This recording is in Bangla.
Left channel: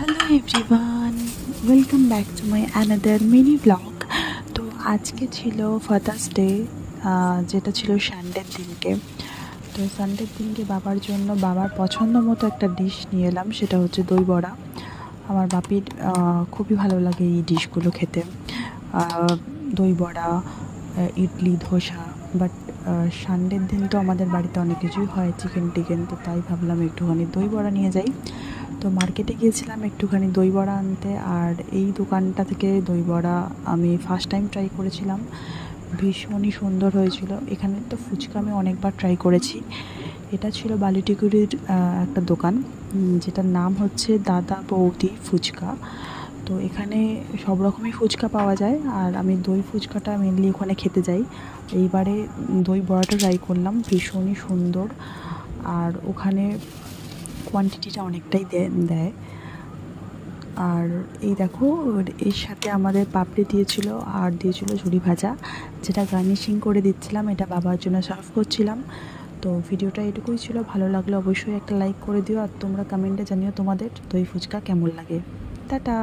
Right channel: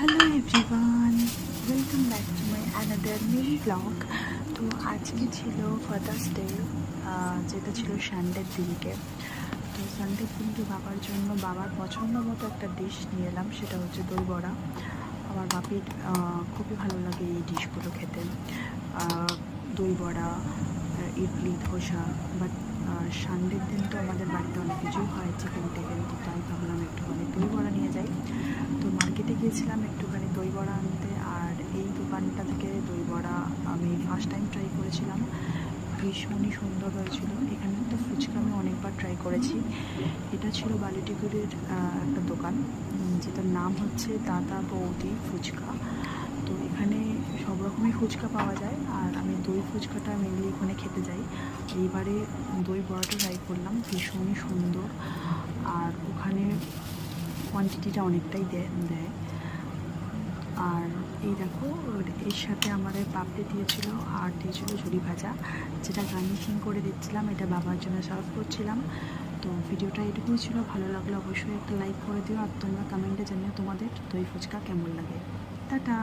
Hello everyone, welcome back to my another mini blog. তো আজকে ছিল ফাদার্স ডে, যেটা ছিল সানডের দিনকে। তো সানডের দিনকে বাবার জন্য বাবার পছন্দ মতো একটা ডিশ নিয়ে এলাম, সেটা হচ্ছে দই বড়া। আমার বাপির খুবই ভালো লাগে এই ডিশগুলো খেতে, দই বড়া, ইডলি, ধোসা। বাট সানডের দিন তো আমাদের বাড়িতে অনেক কিছুই হয়, চিকেন টিকেন, তো তাই ভাবলাম একটুখানি দই বড়া নিয়ে যাই। তো মার্কেটে গিয়েছিলাম একটুখানি দই বড়া আনতে, আর এই দোকানটা থেকে দই বড়া আমি ফার্স্ট টাইম ট্রাই করেছিলাম, ভীষণই সুন্দর হয়েছিল। এখানে তো ফুচকা আমি অনেকবার ট্রাই করেছি। এটা ছিল বালিটিগুড়ির একটা দোকান, যেটার নাম হচ্ছে দাদা বৌদি ফুচকা। তো এখানে সব রকমই ফুচকা পাওয়া যায়, আর আমি দই ফুচকাটা মেনলি ওখানে খেতে যাই। এইবারে দই বড়াটা ট্রাই করলাম, ভীষণই সুন্দর। আর ওখানে কোয়ান্টিটিটা অনেকটাই দেয়। আর এই দেখো, এর সাথে আমাদের পাপড়ি দিয়েছিল, আর দিয়েছিল ঝুরি ভাজা, যেটা গার্নিশিং করে দিচ্ছিলাম। এটা বাবার জন্য সার্ভ করছিলাম। তো ভিডিওটা এটুকুই ছিল, ভালো লাগলে অবশ্যই একটা লাইক করে দিও, আর তোমরা কমেন্টে জানিও তোমাদের দই ফুচকা কেমন লাগে। টাটা।